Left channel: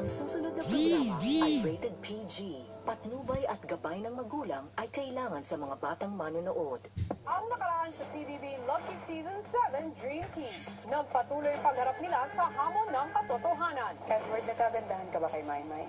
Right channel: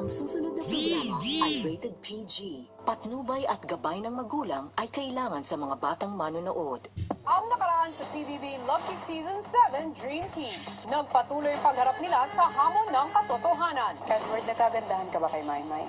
Ang susunod na programa ay rated PG. Patnubay at gabay ng magulang ay kailangan sa mga batang manonood. Ang nakaraan sa PBB Lucky Season 7 Dream Team. Nagpatuloy pagharap nila sa hamon ng katotohanan. Edward, nakagandahan ka ba kay Maymay?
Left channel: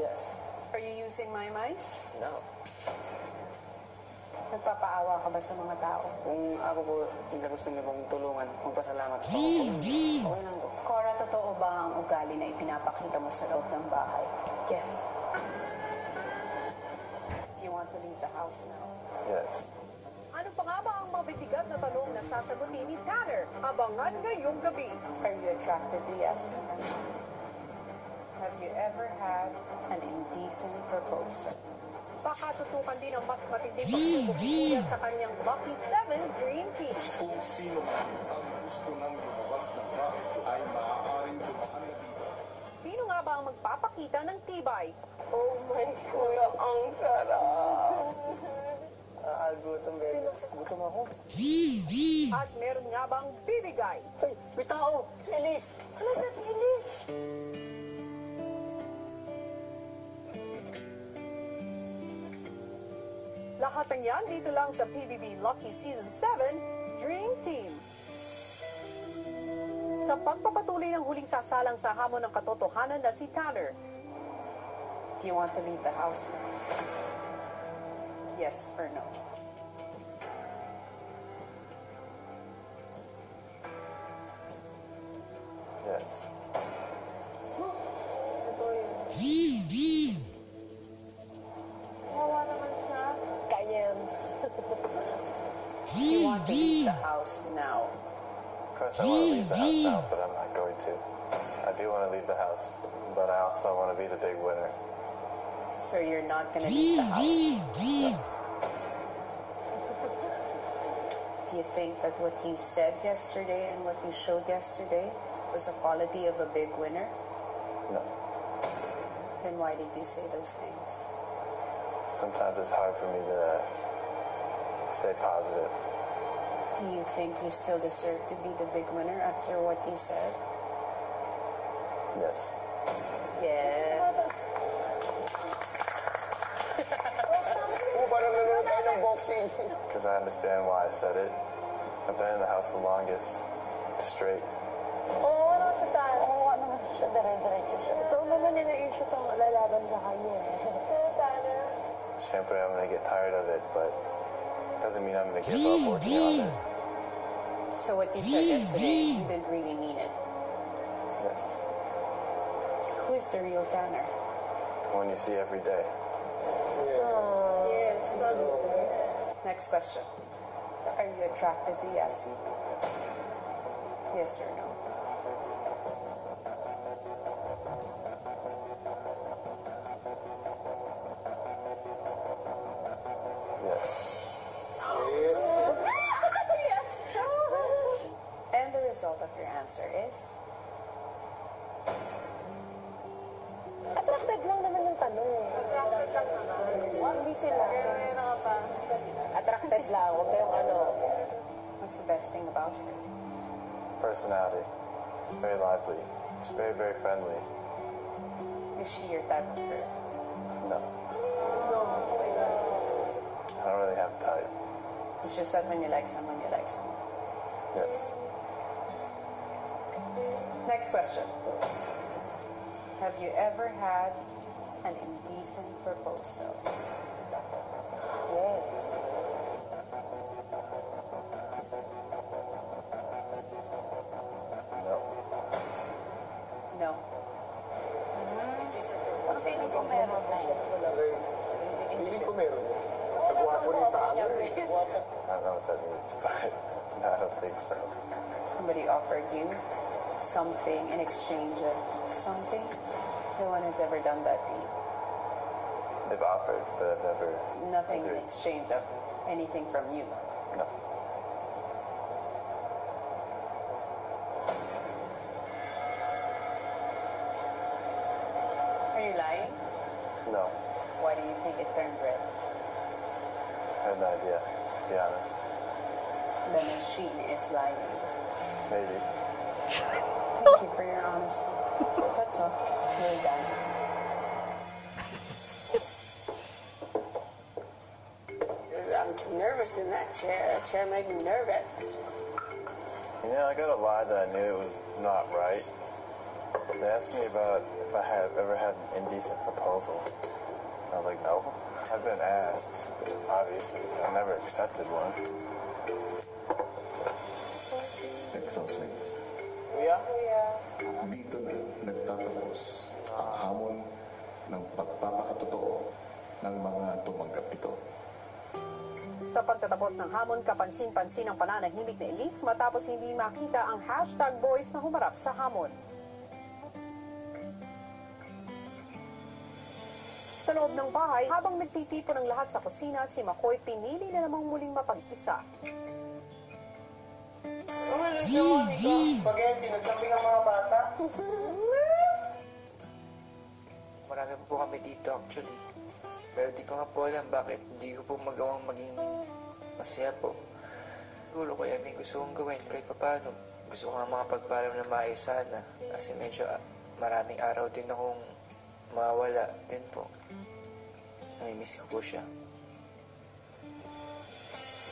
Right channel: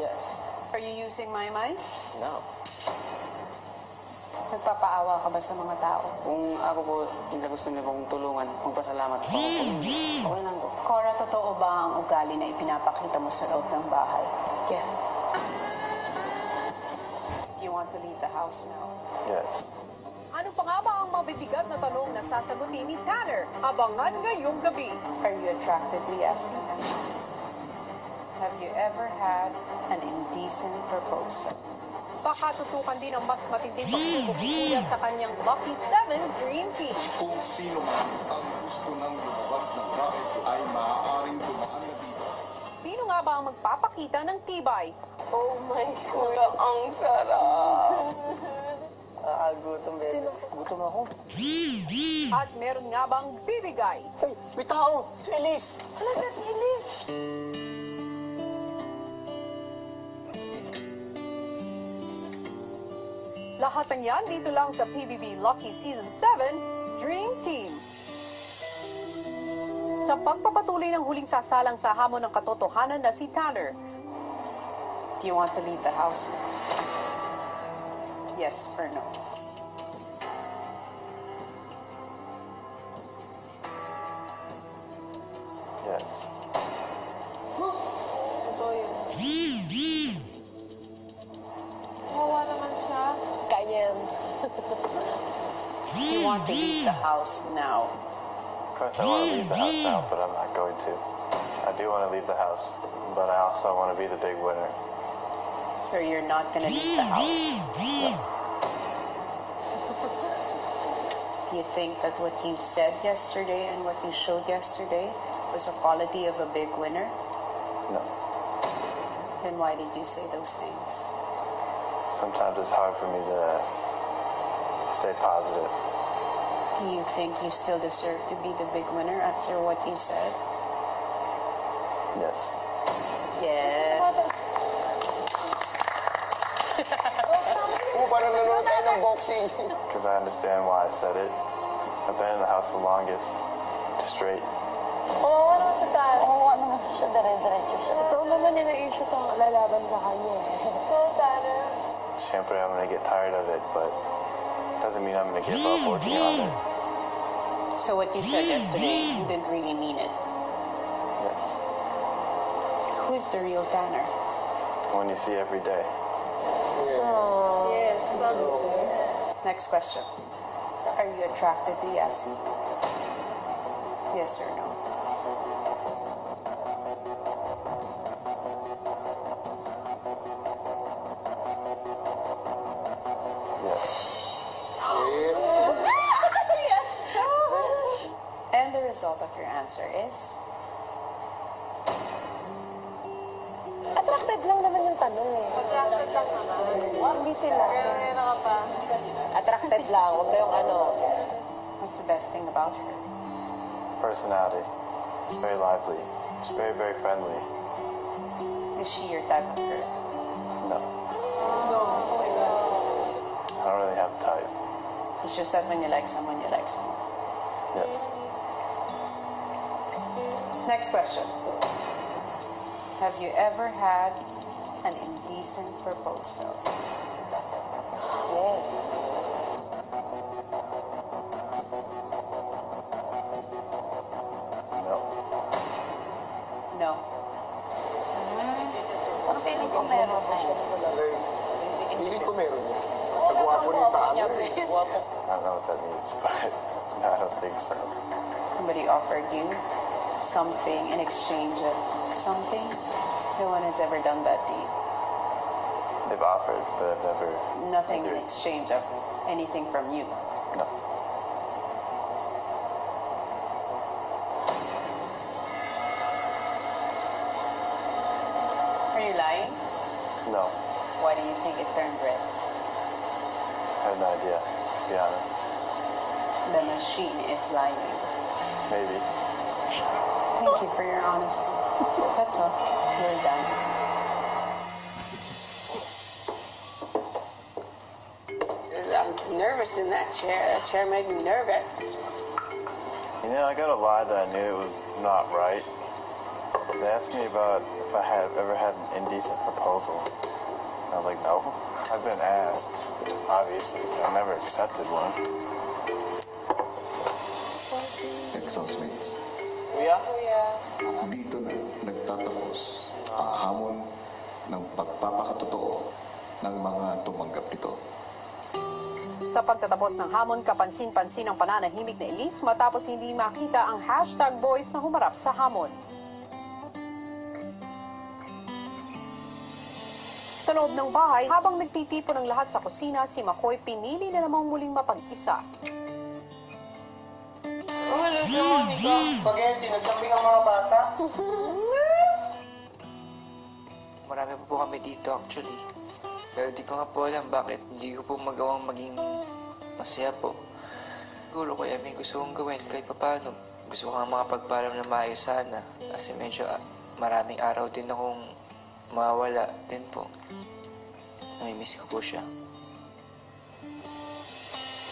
Yes. Are you using Maymay? No. Nagpapaawa ka ba sa mga tao? Kung ako po, hindi gusto niyo pong tulungan, magpasalamat po ako. Kung hindi, okay lang po. Cora, totoo ba ang ugali na ipinapakita mo sa loob ng bahay? Yes. Do you want to leave the house now? Yes. Ano pa nga ba ang mabibigat na tanong na sasagutin ni Tanner? Abangan ngayong gabi. Are you attracted to Yassi? Have you ever had an indecent proposal? Baka tutukan din ang mas matinding pagsubok ni Kuya sa kanyang Lucky 7 Dream Team. Kung sino man ang gusto ng lumabas ng bahay ay maaaring dumaan na dito. Sino nga ba ang magpapakita ng tibay? Oh my Kuya, ang sarap. Gutom, baby. Gutom ako. At meron nga bang bibigay? Hey, may tao! Si Elise! Hala, si Elise! Lahat ng yan dito lang sa PBB Lucky Season 7 Dream Team. Sa pagpapatuloy ng huling sasalang sa hamon ng katotohanan na si Tanner, Do you want to leave the house? Yes or no? Yes. ito yun. Kawawa naman siya. Ganyan. You want to leave the house now? Of course I want to leave the house now, but I'm not going to. I do want to leave the house, but I also want to be the big winner. So you're not gonna leave the house? No. Do you think that what you said yesterday and what you showed yesterday was a quality of a big winner? No. Then why did you say those things? Sometimes it's hard for me to stay positive. Do you think you still deserve to be the big winner after what you said? Yes. Yeah. Parang nanonood tayo ng boxing. Because I understand why I said it. I've been in the house the longest, straight. Kawawa naman si Tanner. Kawawa naman siya, dire-diretso siya. Ito naman nila issue itong lalaban sa kanya. So, Tanner. Siyempre, I'm going to get tired of it, but doesn't mean I'm going to give up working on it. So what you said yesterday, you didn't really mean it. Yes. Who's the real Tanner? When you see every day. Yes, Next question. Are you attracted to Yassi? Yes or no? Yes. And the result of your answer is? Attracted lang naman yung tanong eh. Attracted lang naman. Hindi sila. Attracted lang. Huwag kayong ano. What's the best thing about her? Personality. Very lively. She's very, very friendly. Is she your type of girl? No. I don't really have a type. It's just that when you like someone, you like someone. Yes. Next question. Have you ever had an indecent proposal? Yes. No. No. Ang feeling ko meron na. Hindi ko meron yan. Sa guwapo ni Tanner. I don't know what that means, but I don't think so. Somebody offered you something in exchange of something? No one has ever done that to you. They've offered, but I've never... Nothing in agreed. exchange of anything from you. No. Are you lying? No. Why do you think it turned red? I have no idea, to be honest. The machine is lying. Maybe. Thank you for your honesty. That's all. We're done. I'm nervous in that chair. That chair made me nervous. You know, I gotta lie that I knew it was not right. They asked me about if I had ever had an indecent proposal. I was like, no. I've been asked, obviously, but I've never accepted one. Ex-housemates, Kuya? dito na nagtatapos ang hamon ng pagpapakatotoo ng mga tumanggap nito. Sa pagtatapos ng hamon, kapansin-pansin ang pananahimik na Elise matapos hindi makita ang #boys na humarap sa hamon. Sa loob ng bahay, habang nagtitipon ng lahat sa kusina, si McCoy pinili na namang muling mapag-isa. Umalis yung Monica. Spaghetti, nagkaping ang mga bata. Marami po kami dito actually. Pero di ko nga po alam bakit hindi ko po magawang maging masaya po. Siguro kaya may gusto kong gawin kahit paano. Gusto ko nga makapagpalam na maayos sana. Kasi medyo maraming araw din akong mawala din po. Namimiss ko po siya.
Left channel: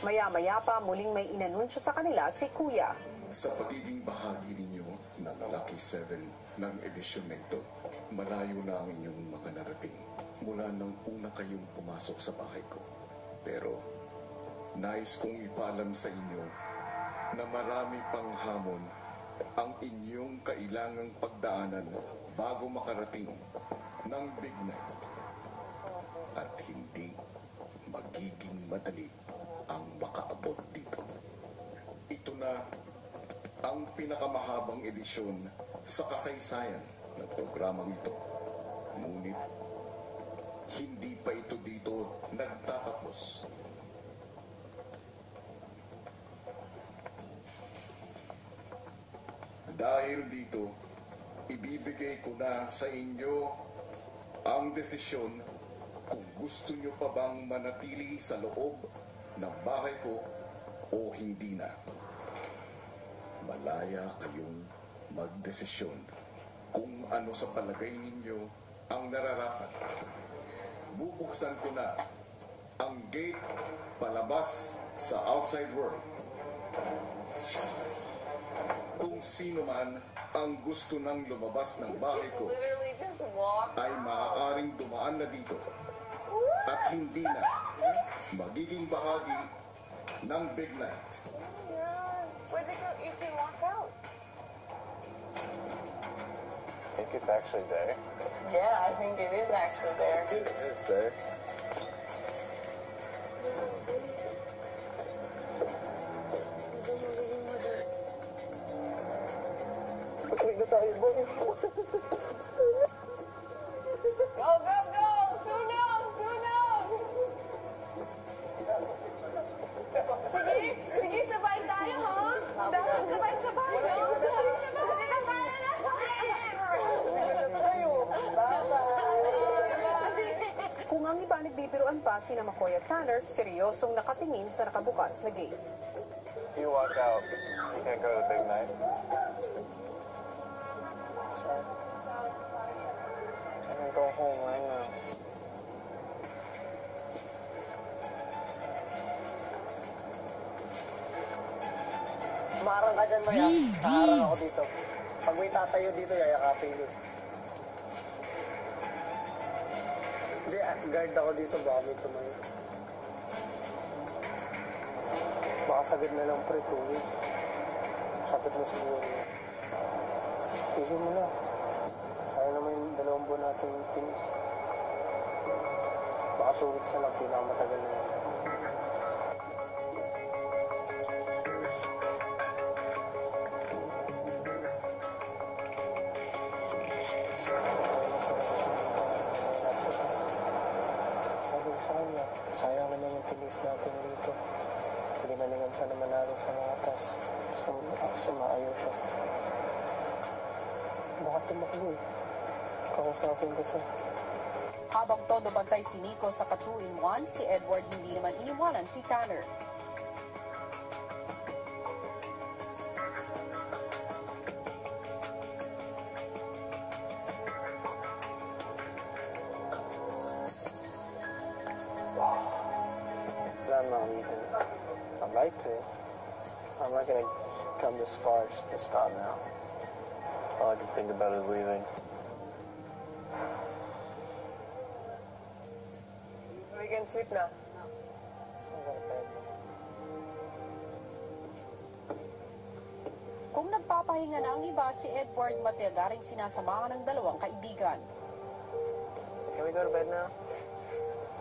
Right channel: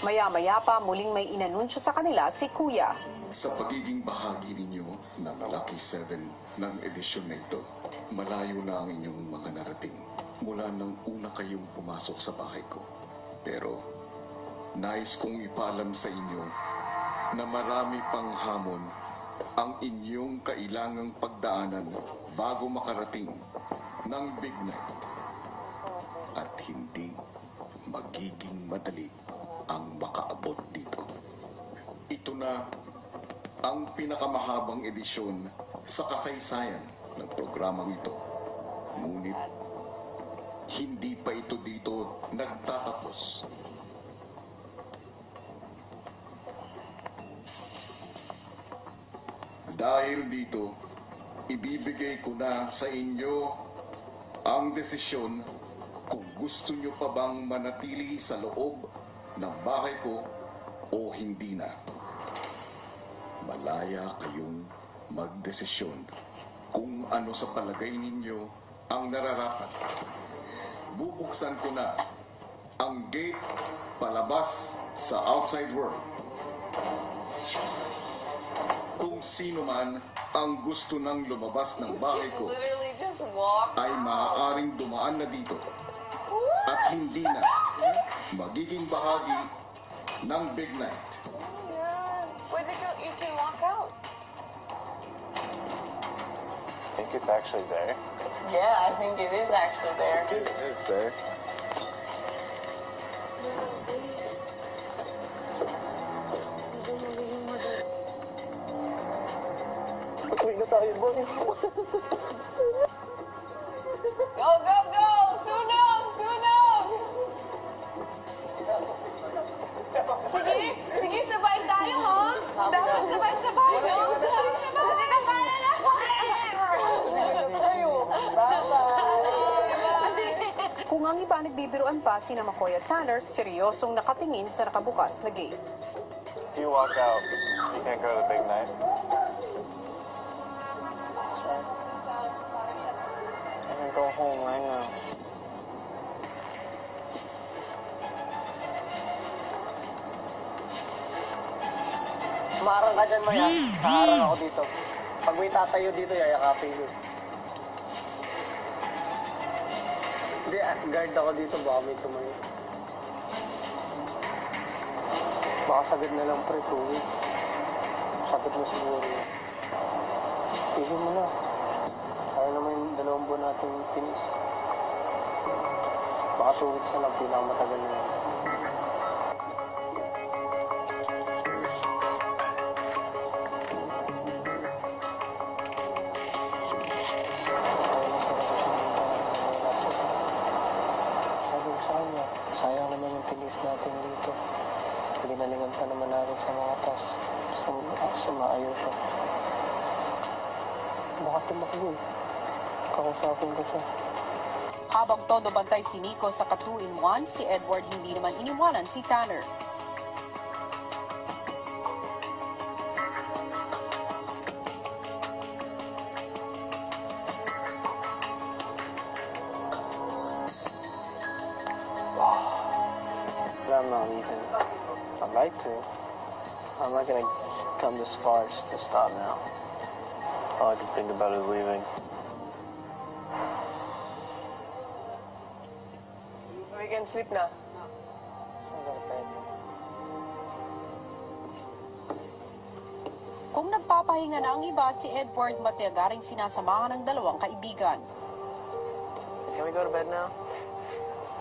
Maya-maya pa muling may inanunsyo sa kanila si Kuya. Sa pagiging bahagi ninyo ng Lucky 7 ng edisyon na ito, malayo na ang inyong mga narating mula nang una kayong pumasok sa bahay ko. Pero nais kong ipaalam sa inyo na marami pang hamon ang inyong kailangang pagdaanan bago makarating ng big night. At hindi magiging madali ang makaabot dito. Ito na ang pinakamahabang edisyon sa kasaysayan ng programang ito. Ngunit hindi pa ito dito nagtatapos. Dahil dito, ibibigay ko na sa inyo ang desisyon kung gusto nyo pa bang manatili sa loob ng bahay ko o hindi na. Malaya kayong magdesisyon kung ano sa palagay ninyo ang nararapat. Bubuksan ko na ang gate palabas sa outside world. Kung sino man ang gusto nang lumabas ng bahay ko ay maaaring dumaan na dito at hindi na magiging bahagi ng big night. Where did you can walk out? I think it's actually there. Yeah, I think it is actually there. It is there. Uwi na tayo, boy. Go, go, go! Sunog! Sunog! Sige, sige, sabay tayo, ha? Dapat sabay-sabay, no? Sabay-sabay! Kung ang iba nagbibiruan pa sina McCoy at Tanner, seryosong nakatingin sa nakabukas na gate. If you walk out, you can't go to big night. I can go home right now. Umarang ka dyan, Maya. Kaharang ako dito. Pag may tatayo dito, yayakapin ko. Hindi, guard ako dito. Baka may tumayo. Baka sagad na lang, pre, tuwid. Sakit mo siguro. Tigil mo na. Kaya naman yung 2 buwan natin tinis. Baka 2 weeks na lang, pinakamatagal na yun. Sabi ko sa kanya, sayang naman yung tinis natin dito. Ginalingan pa naman natin sa mga tas. Sumaayaw siya. Baka tumakbo eh. Kakusapin ko siya. Habang todo bantay si Nico sa ka-2-in-1, si Edward hindi naman iniwanan si Tanner. I'm not leaving. I'd like to. I'm not gonna come this far just to stop now. All I can think about is leaving. We can sleep na. Kung nagpapahinga na ang iba, si Edward matiyagaring sinasamahan ng dalawang kaibigan. Can we go to bed now?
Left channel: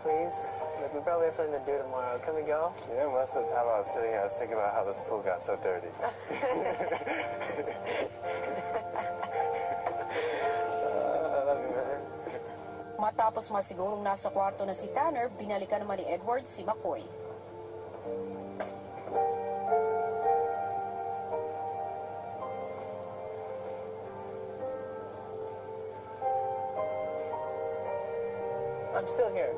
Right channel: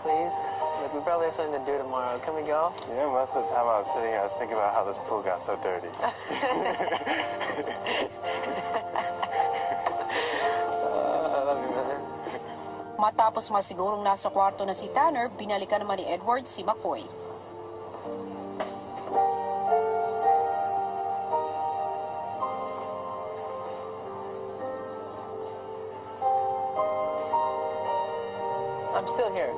Please? Like, we probably have something to do tomorrow. Can we go? You know, most of the time I was sitting here, I was thinking about how this pool got so dirty. I love you, man. Matapos masigurong nasa kwarto na si Tanner, binalikan naman ni Edward si McCoy. I'm still here.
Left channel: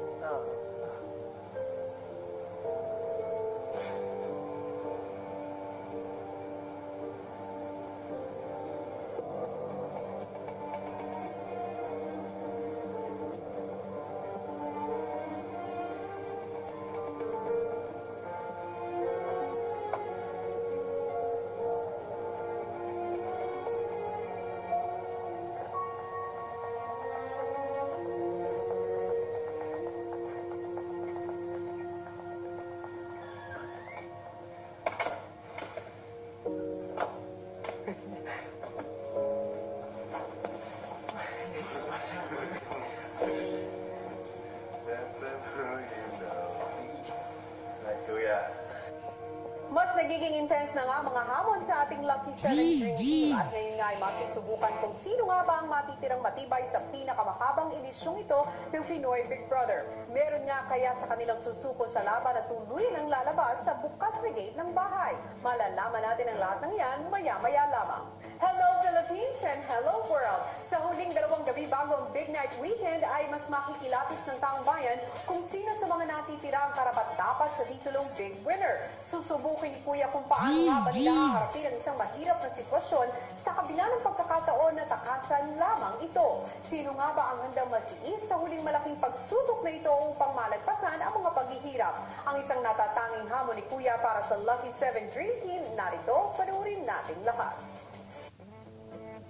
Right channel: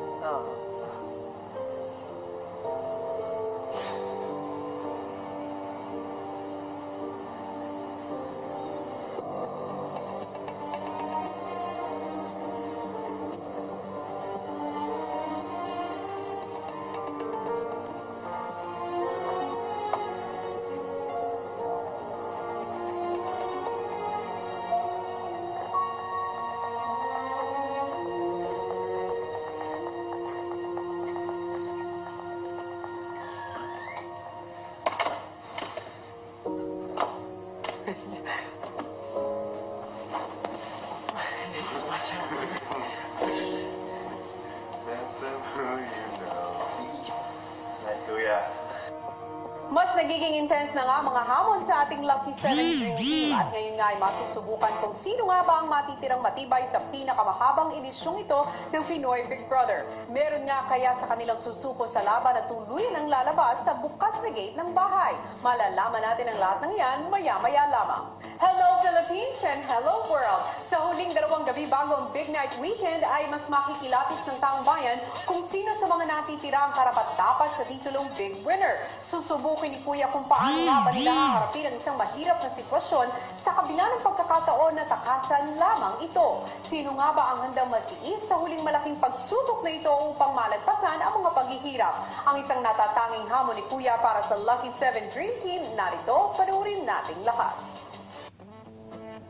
Mas nagiging intense na nga mga hamon sa ating Lucky 7 Dream Team at ngayon nga ay masusubukan kung sino nga ba ang matitirang matibay sa pinakamahabang edisyong ito ng Pinoy Big Brother. Meron nga kaya sa kanilang susuko sa laban at tuluyan ang lalabas sa bukas na gate ng bahay. Malalaman natin ang lahat ng yan maya-maya lamang. Hello Philippines and hello world! Sa huling 2 gabi bago ang Big Night Weekend ay mas makikilapit ng taong bayan kung sino sa mga natitira ang karapat-dapat sa titulong Big Winner. Susubukin ni Kuya kung paano nga ba nila haharapin ang isang mahirap na sitwasyon sa kabila ng pagkakataon na takasan lamang ito. Sino nga ba ang handang magtiis sa huling malaking pagsubok na ito upang malagpasan ang mga paghihirap? Ang isang natatanging hamon ni Kuya para sa Lucky 7 Dream Team, narito, panuorin nating lahat.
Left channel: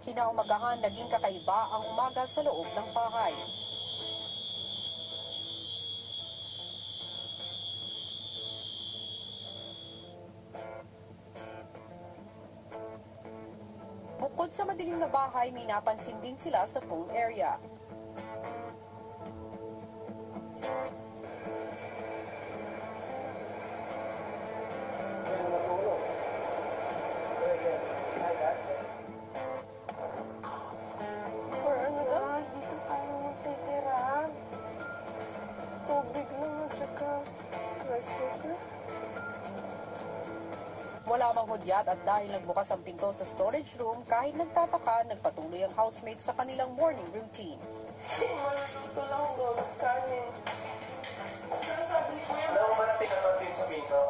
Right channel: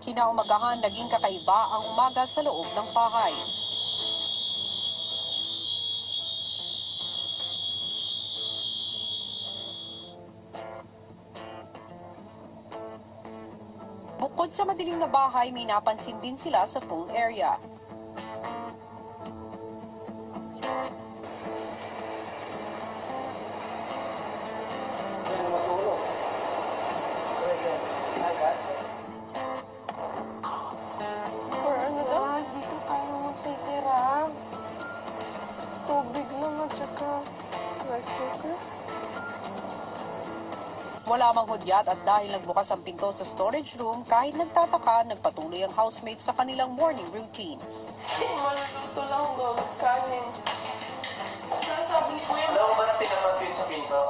Kinaumagahan, naging kakaiba ang umaga sa loob ng bahay. Bukod sa madilim na bahay, may napansin din sila sa pool area. Dito tayo magtitira. Tubig lang at saka rice cooker. Wala mang hudyat at dahil nagbukas ang pinto sa storage room, kahit nagtataka, nagpatuloy ang housemates sa kanilang morning routine. Maluluto lang doon, kanin. Sabi ni Kuya, Alam mo ba na pinamagpin sa pinto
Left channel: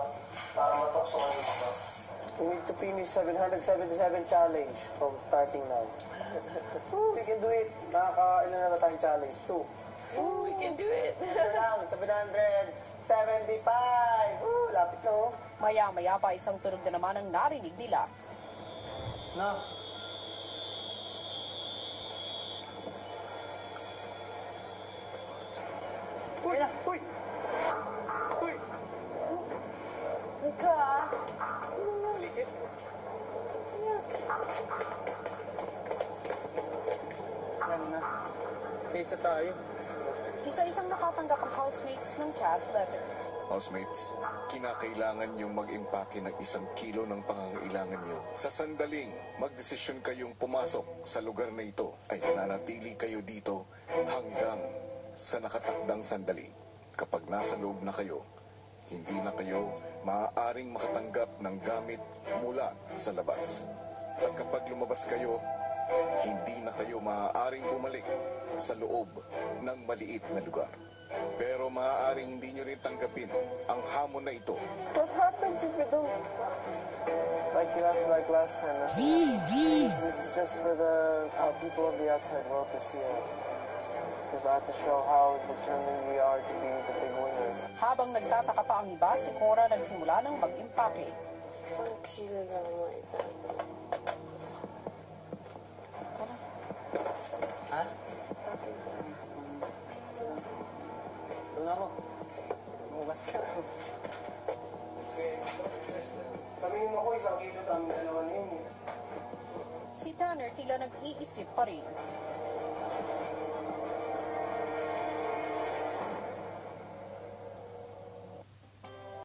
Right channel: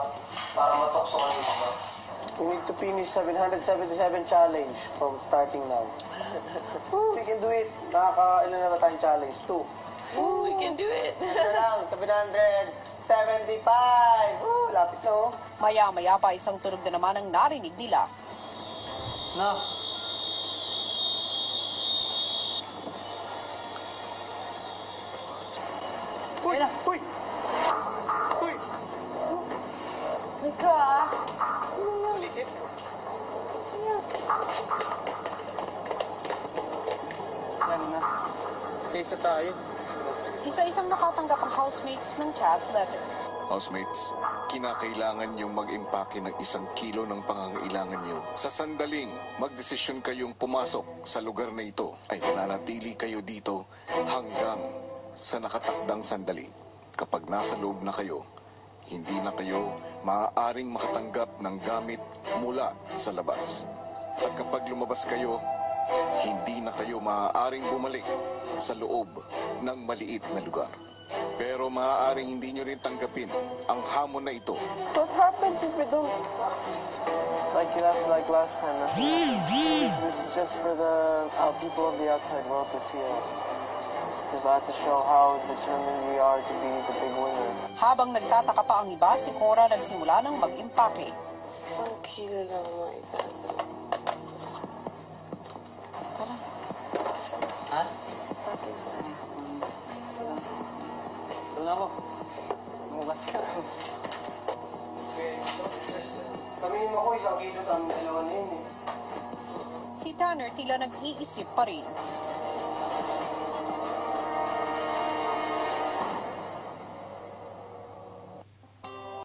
para matokso ka yung boss? We need to finish 777 challenge from starting now. We can do it. Nakaka-ilan na ba tayong challenge? 2. we can do it. Lang, 775. Lapit na oh. Maya-maya pa isang tunog na naman ang narinig nila. Na. Uy! Uy! Uy! Mika, Lisip. Yan na. Isa tayo. Isa-isang nakatanggap ang housemates ng Chas letter. Housemates, kinakailangan niyong mag-impake ng 1 kilo ng pangangailangan niyo. Sa sandaling magdesisyon kayong pumasok sa lugar na ito, ay mananatili kayo dito hanggang sa nakatakdang sandali. Kapag nasa loob na kayo, hindi na kayo maaaring makatanggap ng gamit mula sa labas. At kapag lumabas kayo, hindi na kayo maaaring bumalik sa loob ng maliit na lugar. Pero maaaring hindi nyo rin tanggapin ang hamon na ito. what happens if we don't? Like last time, nothing happens. This is just for the people of the outside world to see us. Because I have to show how determined we are to be the big winner. Habang nagtataka pa ang iba, si Cora nagsimula ng mag-impake. Isang kilo lang maigado. Tara. Ha? Ito na ako. Bukas. Kami mo ko, 1 kilo kami, 2 na yun eh. Si Tanner tila nag-iisip pa rin.